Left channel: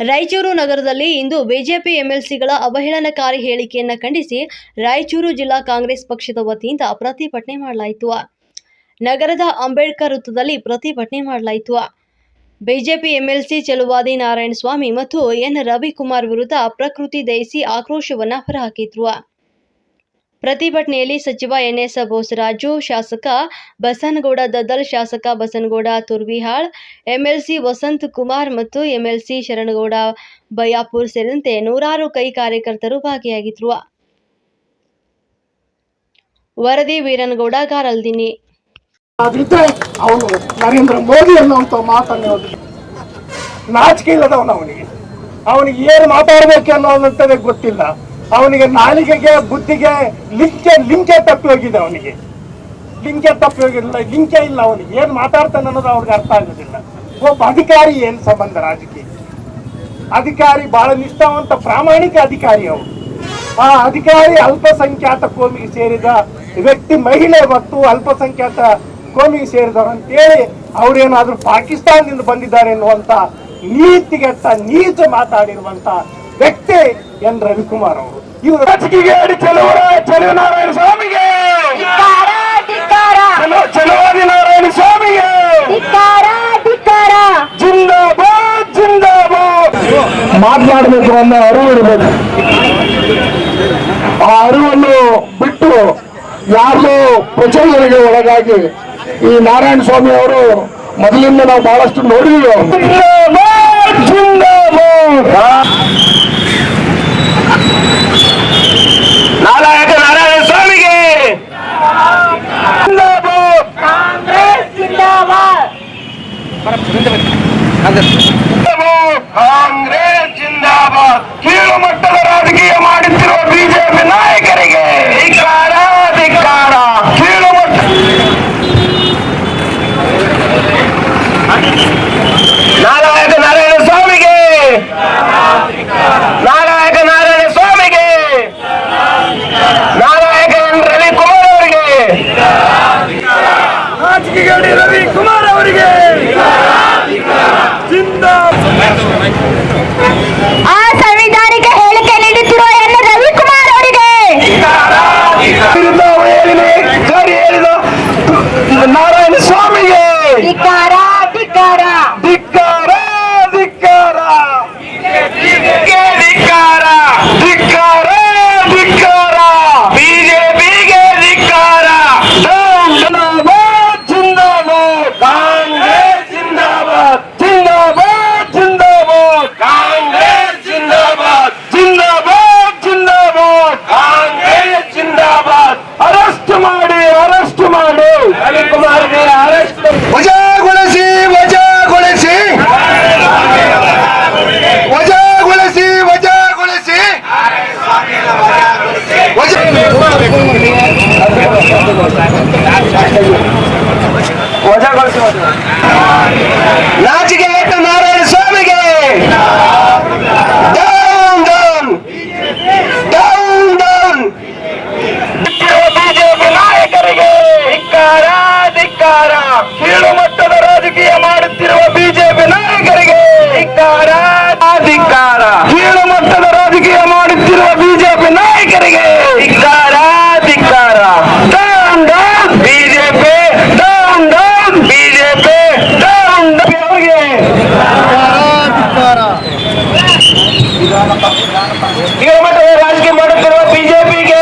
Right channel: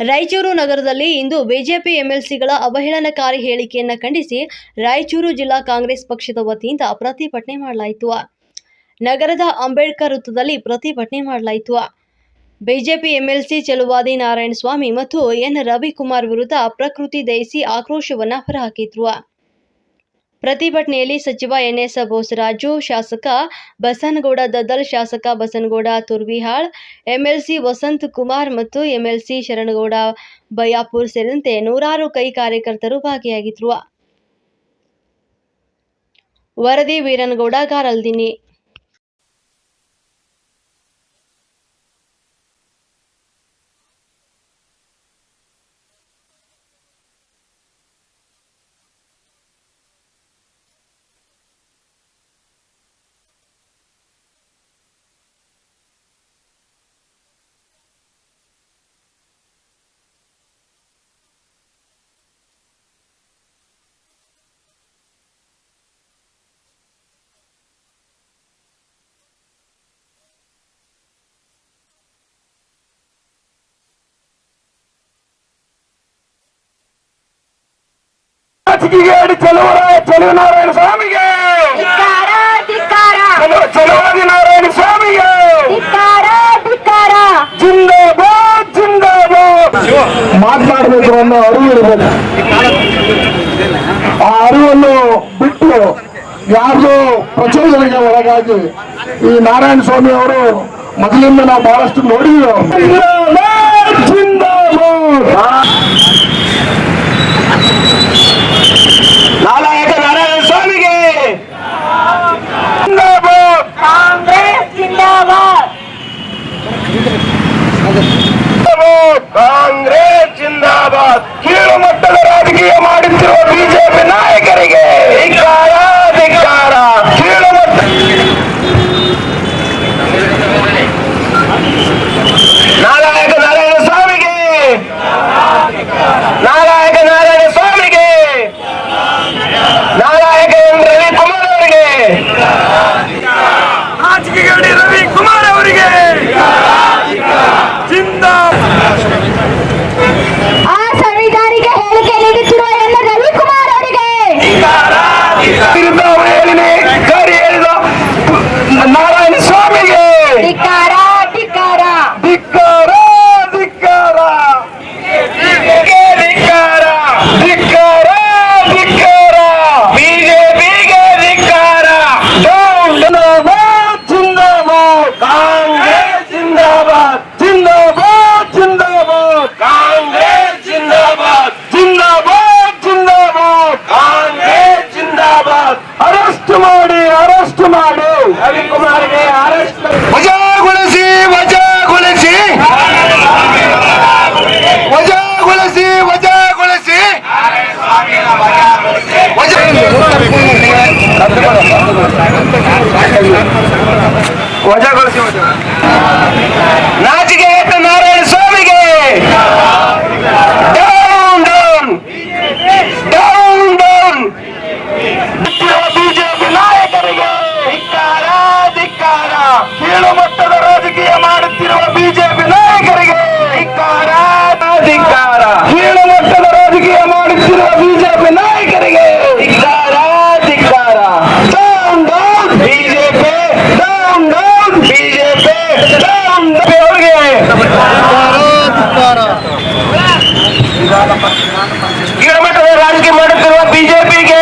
ರಾಯಚೂರು ನಗರದಲ್ಲಿ ಇಂದು ಬಿಜೆಪಿ ಎಂಎಲ್ಸಿಗಳ ಅವಹೇಳನಕಾರಿ ಹೇಳಿಕೆಯನ್ನು ಖಂಡಿಸಿ ರಾಯಚೂರು ಜಿಲ್ಲಾ ಕಾಂಗ್ರೆಸ್ ಪಕ್ಷದ ವತಿಯಿಂದ ಪ್ರತಿಭಟನೆ ಮಾಡಲಾಯಿತು. ನಗರದ ಅಂಬೇಡ್ಕರ್ ವೃತ್ತದಲ್ಲಿ ಪ್ರತಿಭಟನೆ ಮಾಡಲಾಯಿತು. ಬಿಜೆಪಿ ಎಂಎಲ್ಸಿ ಚೆಲುವಾದಿ ನಾರಾಯಣಸ್ವಾಮಿ ಮತ್ತು ಎನ್ ರವಿಕುಮಾರ್ ವಿರುದ್ಧ ಪ್ರಕೃತಿ ದಯಿಸಿ ಆಕ್ರೋಶವನ್ನು ಹೊರಹಾಕಿದ್ರು. ಪ್ರತಿಭಟನೆಯಲ್ಲಿ ಸಚಿವ ಎನ್ಎಸ್ ಬೋಸರಾಜು ಶಾಸಕ ಬಸನಗೌಡ, ದದ್ದಲ್ ಶಾಸಕ ಬಸನಗೌಡ, ತುರ್ವಿಹಾಳ್, ಎಂಎಲ್ಸಿ ವಸಂತ್ ಕುಮಾರ್ ಮತ್ತು ಎಂಎಲ್ಸಿ ಶರಣಗೌಡ ಬಯಾಪುರ್ ಸೇರಿದಂತೆ ನೂರಾರು ಕೈ ಕಾರ್ಯಕರ್ತರು ಭಾಗಿಯಾಗಿದ್ರು. ವರದಿ ವೀರನಗೌಡ, ಗಾರಲ್ದಿನಿ. ಅವನು ನರೇಂದ್ರ ಮೋದಿ ಅನ್ನುವಂಥ ಮಾತನ್ನು. ನಾಚಿಕೆ ಇಲ್ಲದವನು ಅವನಿಗೆ. ಅವನಿಗೆ ಏನು ಮಾತಾಡಬೇಕು ಅನ್ನೋದಂತದೇ ಗೊತ್ತಿಲ್ಲ. ಅವನಿಗೆ ನಾಲಿಗೆಗೆ, ಬುದ್ಧಿಗೆ ಲಿಂಕೆ ಲಿಂಕೆ ತಪ್ಪಿ ಹೋಗಿದೆ ಅವನಿಗೆ. ಲಿಂಕೆ ತಪ್ಪಿ ಹೋಗಿಲ್ಲ ಲಿಂಕೆ ಇಲ್ಲ ಅವನಿಗೆ. ಏನು ಮಾತಾಡ್ತಾನೆ ಅನ್ನೋದು ಅವ್ರಿಗೆ ಅರ್ಥ ಆಗೋದಿಲ್ಲ. ಒಬ್ಬ ಅಧಿಕಾರಿ ಏನು ಸಂಬಂಧ ರಾಜಕೀಯ? ಅಧಿಕಾರಿ ಬಹಳ ನಿಷ್ಠಾವಂತ, ಪ್ರಾಮಾಣಿಕ ಅಧಿಕಾರಿ ಅವರು ಆ ಅಧಿಕಾರಿ ಅಲ್ಪಸಂಖ್ಯಾತ ಕೋಮಿಗೆ ಸೇರಿದ ವ್ಯಕ್ತಿ, ಮಹಿಳೆ ಮತ್ತು ಅಲ್ಪಸಂಖ್ಯಾತ ಕೋಮಿಗೆ ಸೇರಿದವರು ಅಂತೇಳಿ ಅವರೇನಾದ್ರೂ ಪಾಕಿಸ್ತಾನದಿಂದ ಬಂದಿದ್ದಾರೆ ಎನ್ನುವಂತ ನೀತಿಗೆಟ್ಟ, ನೀಚ ಮಾತಾಡಿರುವಂತ ವ್ಯಕ್ತಿ ಎನ್ ರವಿಕುಮಾರ್ ಅವರು. ಇವರು ರಾಜಕೀಯ ಚೆಲುವರ ನಾರಾಯಣ ಸ್ವಾಮಿಗೆ. ಚಲೋ ಚಲುವಾದಿ ನಾರಾಯಣ ಸ್ವಾಮಿಗೆ. ಜಿಂದಾಬಾದ್ ಜಿಂದಾಬಾದ್. ಮಾತನಾಡಬೇಕು ಅನ್ನೋ ಅರಿವು ಇರಬೇಕು. ಆ ಅರಿವನ್ನು ಬಿಟ್ಟು ಯಾರು ಪ್ರಚೋದನೆಗೆ ಒಳಗಾಗಿ ಈ ನಾರಾಯಣ ಸ್ವಾಮಿ ಅವರು ಮೊದಲಿಂದ ನಾವು ಬಹಳಷ್ಟು ನೋಡಿದ್ದೀವಿ ಜಿಂದಾಬಾದ್, ಜಿಂದಾಬಾದ್. ನಾಲಾಯಕ ನಾರಾಯಣ ಸ್ವಾಮಿಗೆ ಜಿಂದಾಬಾದ್. ಕಾಂಗ್ರೆಸ್ ಜಿಂದಾಬಾದ್ ಕೀಳು ಮಟ್ಟದ ರಾಜಕೀಯ ಮಾಡುತ್ತಿರುವ ಬಿಜೆಪಿ ನಾಯಕರಿಗೆ ಧಿಕ್ಕಾರ ಧಿಕ್ಕಾರ ಕೀಳು ಮಟ್ಟ ನಾರಾಯಕ ನಾರಾಯಣ ಸ್ವಾಮಿಗೆ ನಾರಾಯಕ ನಾರಾಯಣ ಸ್ವಾಮಿಗೆ ನಾರಾಯಕ ರವಿ ಕುಮಾರ್ ಅವರಿಗೆ ರಾಜಕೀಯ ರವಿ ಕುಮಾರ್ ಅವರಿಗೆ ಆ ಸಂವಿಧಾನಿಕ ಹೇಳಿಕೆ ನೀಡುತ್ತಿರುವ ಎನ್ ರವಿಕುಮಾರ್ ಅವರಿಗೆ? ವಿರುದ್ಧ ಹೇಳಿದೆ ಜಾರಿ ಹೇಳಿದ ನಾರಾಯಣ ಸ್ವಾಮಿಗೆ. ಮಾಡಿ ಅರೆಸ್ಟ್ ಮಾಡಿ ರವಿಕುಮಾರ್ಗೆ ಅರೆಸ್ಟ್ ವಜಾಗೊಳಿಸಿ ವಜಾಗೊಳಿಸಿ ವಜಾಗೊಳಿಸಿ ವಜಾಗೊಳಿಸಿ ವಜಾಗೊಳಿಸಿ ನಾಚಿಕೆ ಧಿಕ್ಕಾರ ಕೀಳು ಮಟ್ಟದ ರಾಜಕೀಯ ಮಾಡುತ್ತಿರುವ ಬಿಜೆಪಿ ನಾಯಕರಿಗೆ ಧಿಕ್ಕಾರ ಧಿಕ್ಕಾರ down down BJP down down BJP down ಅವರಿಗೆ ಕೀಳು ಮಟ್ಟದ ರಾಜಕೀಯ ಮಾಡುತ್ತಿರುವ ಬಿಜೆಪಿಗೆ